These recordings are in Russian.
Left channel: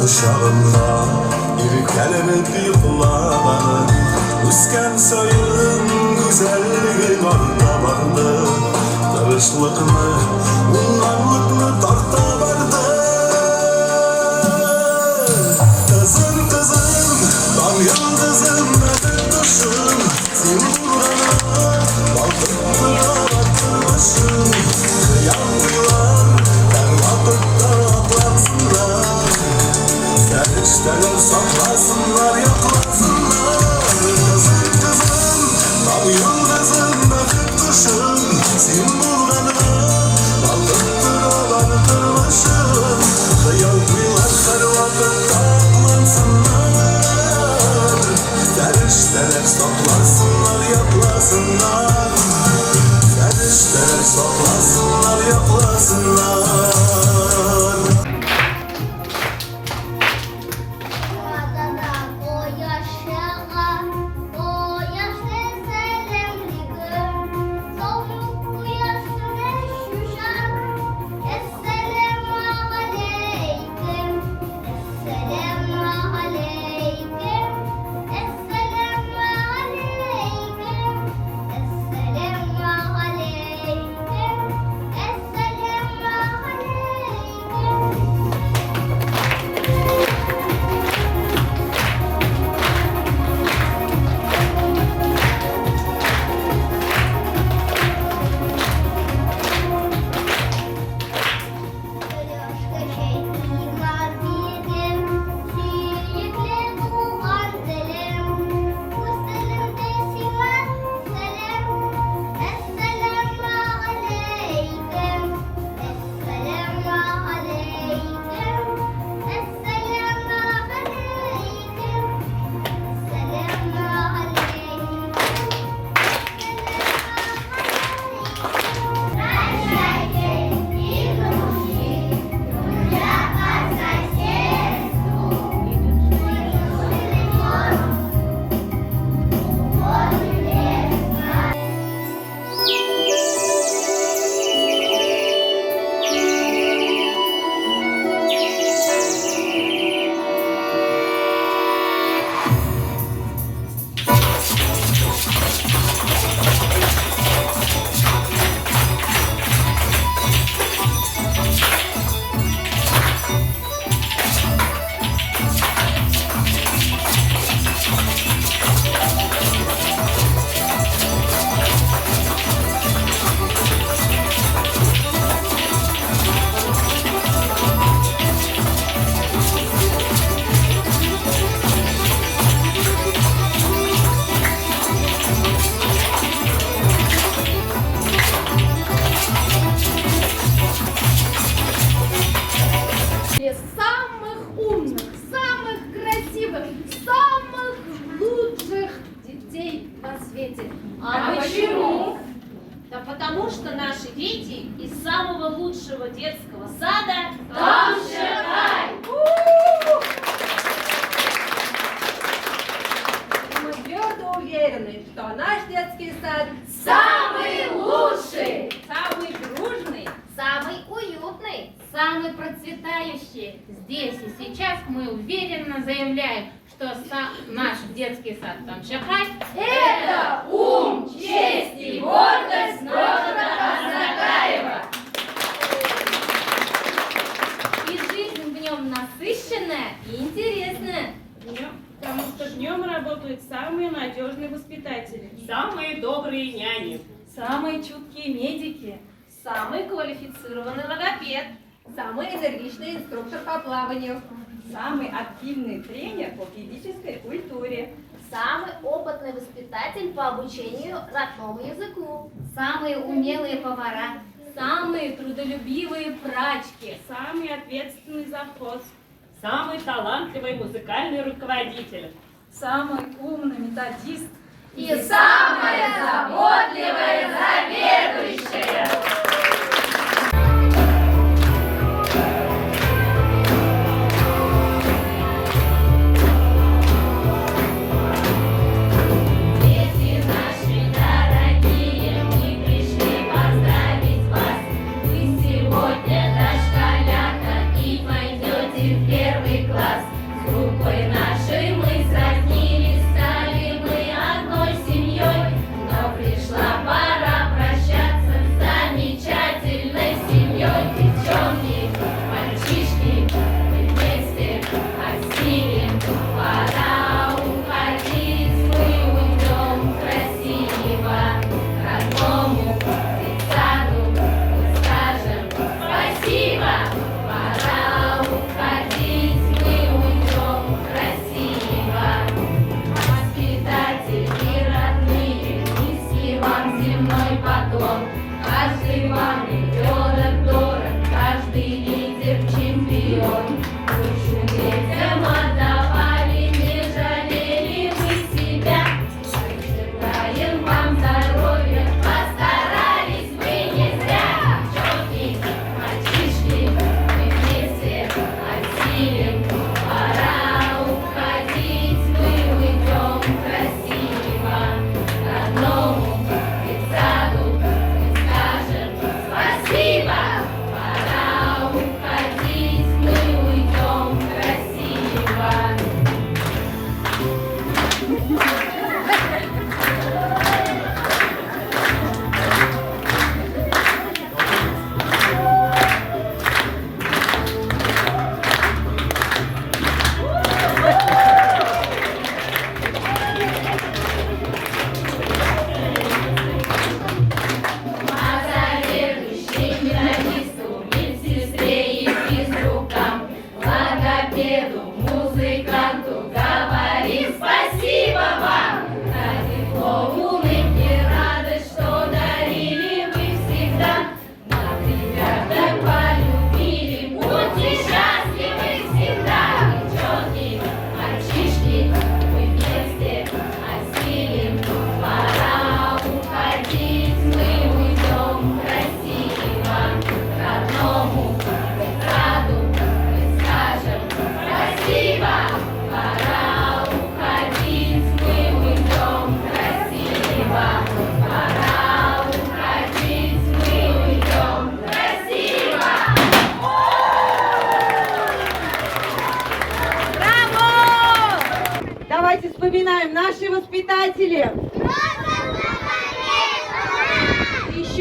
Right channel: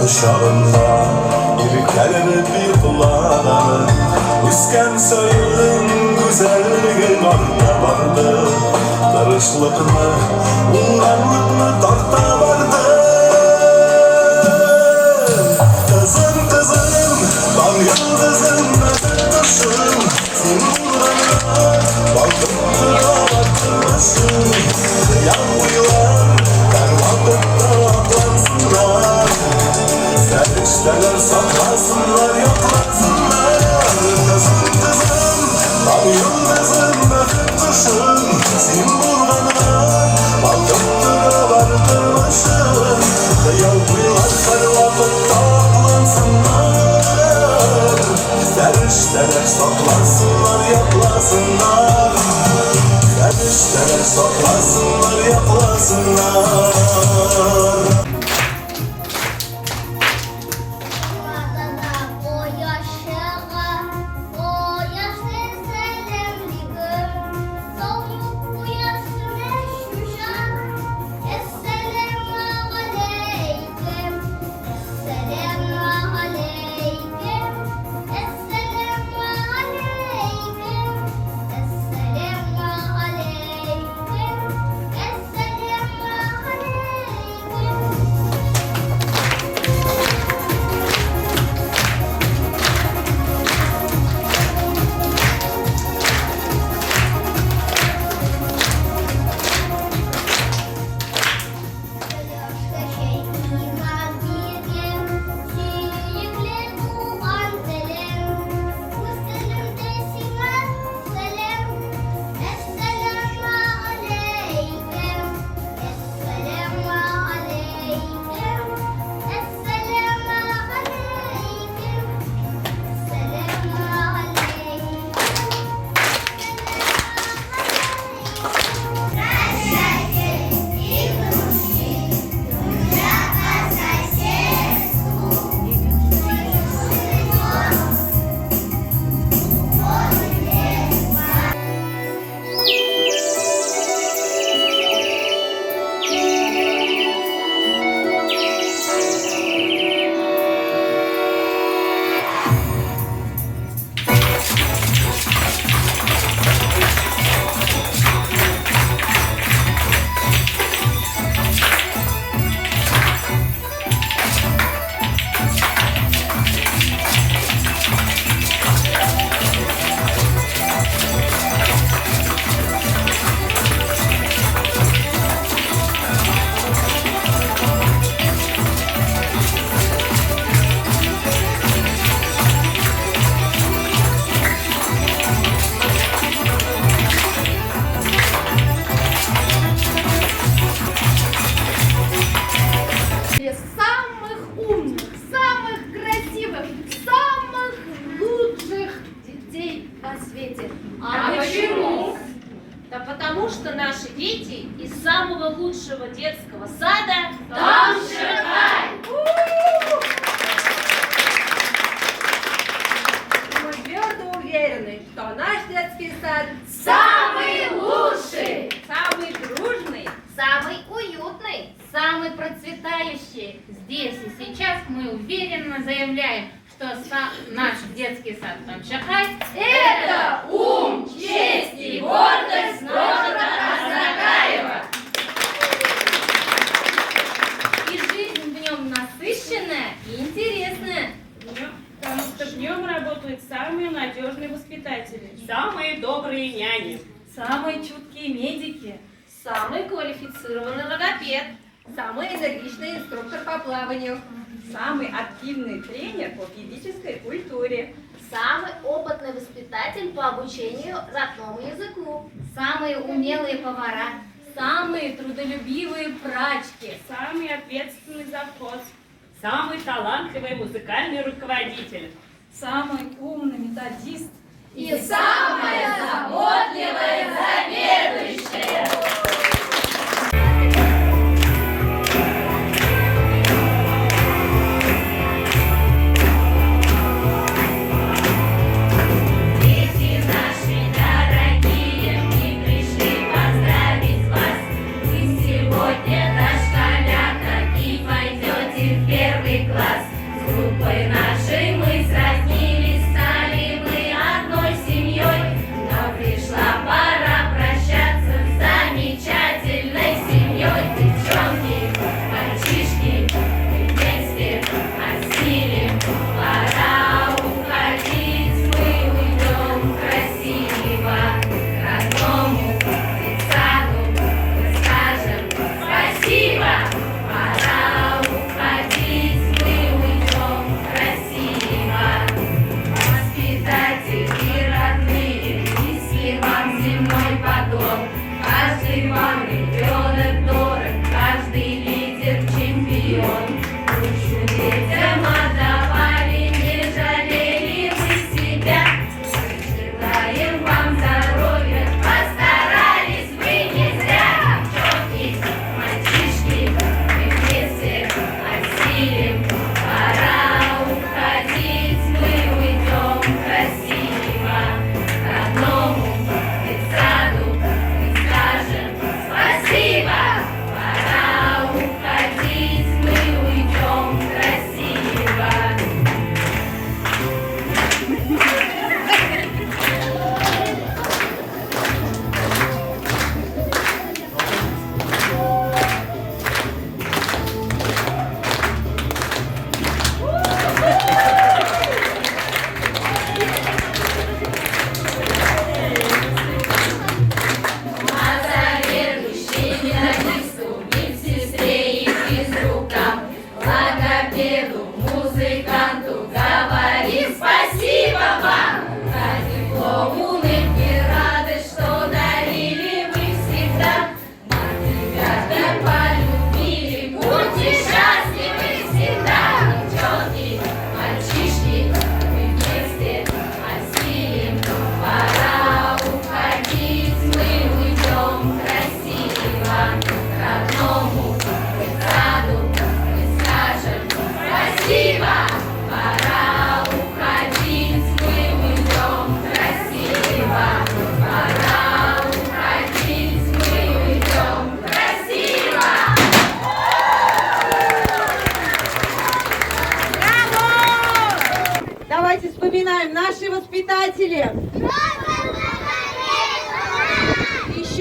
Kuşağında irkelenip yıkılan Üsken sayın güzelliğin orta vardı Darışlıkını, unganlıkını tarta vardı Kızım kızım, tam yıldızım ödül kuşum Senin uğruna baldırına atmışım Yanmıyorlar, her vakitte aklansınlar Serişteler saklasınlar, yaklasınlar Kızım kızım, tam yıldızım ödül kuşum Senin uğruna baldırına varmışım Yanmıyorlar, her vakitte aklansınlar Serişteler saklasınlar, yaklasınlar Serişteler saklasınlar, yaklasınlar А почему? Да потому что наши дети из самого лучшего детского сада Тамшихай. Мы твердо уверены, что наш детский сад Самый лучший, самый дружный, самый уютный, самый процветающий. Здесь и сейчас мы уверенно заявляем, что наш детский сад Тамшихай — это ум, честь и гордость города Краснокарева. И жизнь в нем насыщенная и интересная. потому что в нем работают самые надежные воспитатели, самые добрые няни, самые чуткие медики, Самый квалифицированный логопед, самый энергичный инструктор по плаванию, самый активный тренер по физической культуре, самый опытный воспитатель по обучению родному языку, Самые умелые повара, самые трудолюбивые прачки, самый ответственный завхоз, самый талантливый музыкальный руководитель, самый умный методист и самая заботливая заведующая.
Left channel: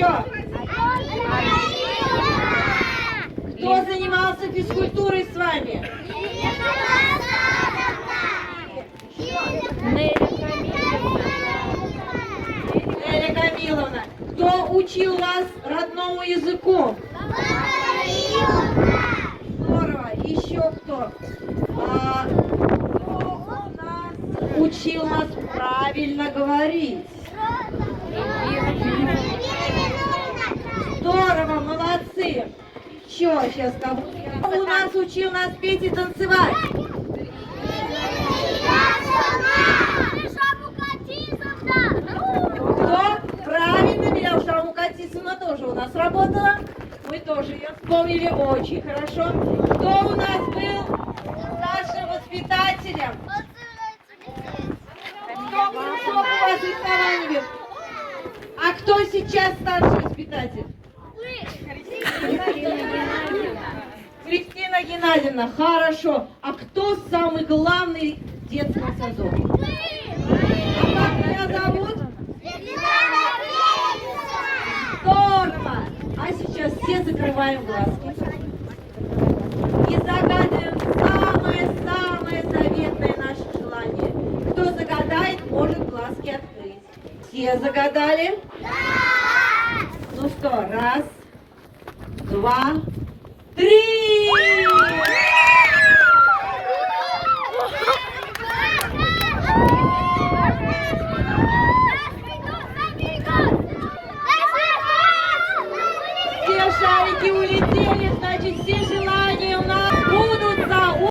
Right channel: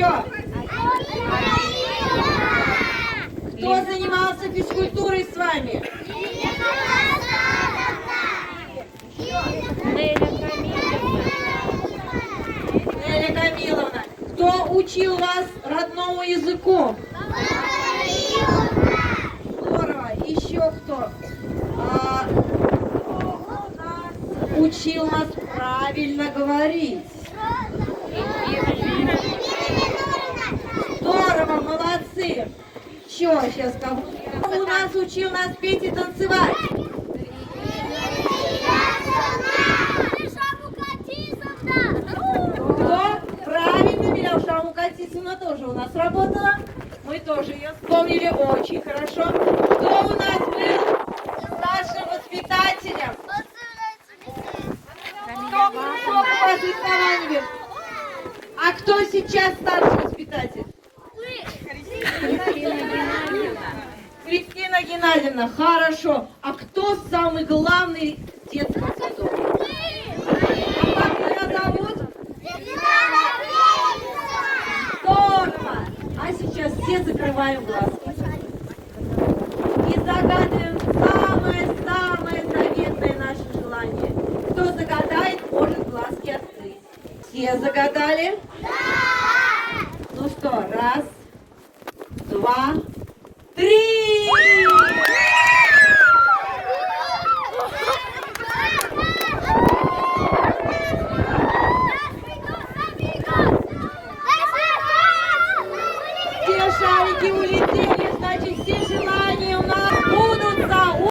Кто? Кто занимался физкультурой с вами? Неля Камиловна. Кто учил вас родному языку? Здорово. Еще кто? Учил нас правильно говорить. Здорово, молодцы. Еще сейчас кого? У нас учил нас петь и танцевать. Кто? Правильно, Миляуша Мукатисовна тоже у нас работала. Мы тоже ее вспомнили очень хорошо. Кто у нас был старшим воспитателем? Кто у вас рисование? А кто сейчас старший воспитатель? Кристина Геннадьевна, хорошо. А кто самый главный в детском саду? А как меня зовут? Здорово! А сейчас все закрываем глазки и загадываем самое-самое заветное наше желание. Кто загадает, может глазки открыть. Все загадали? Да! Ну что, раз, два, три! Все шарики улетели!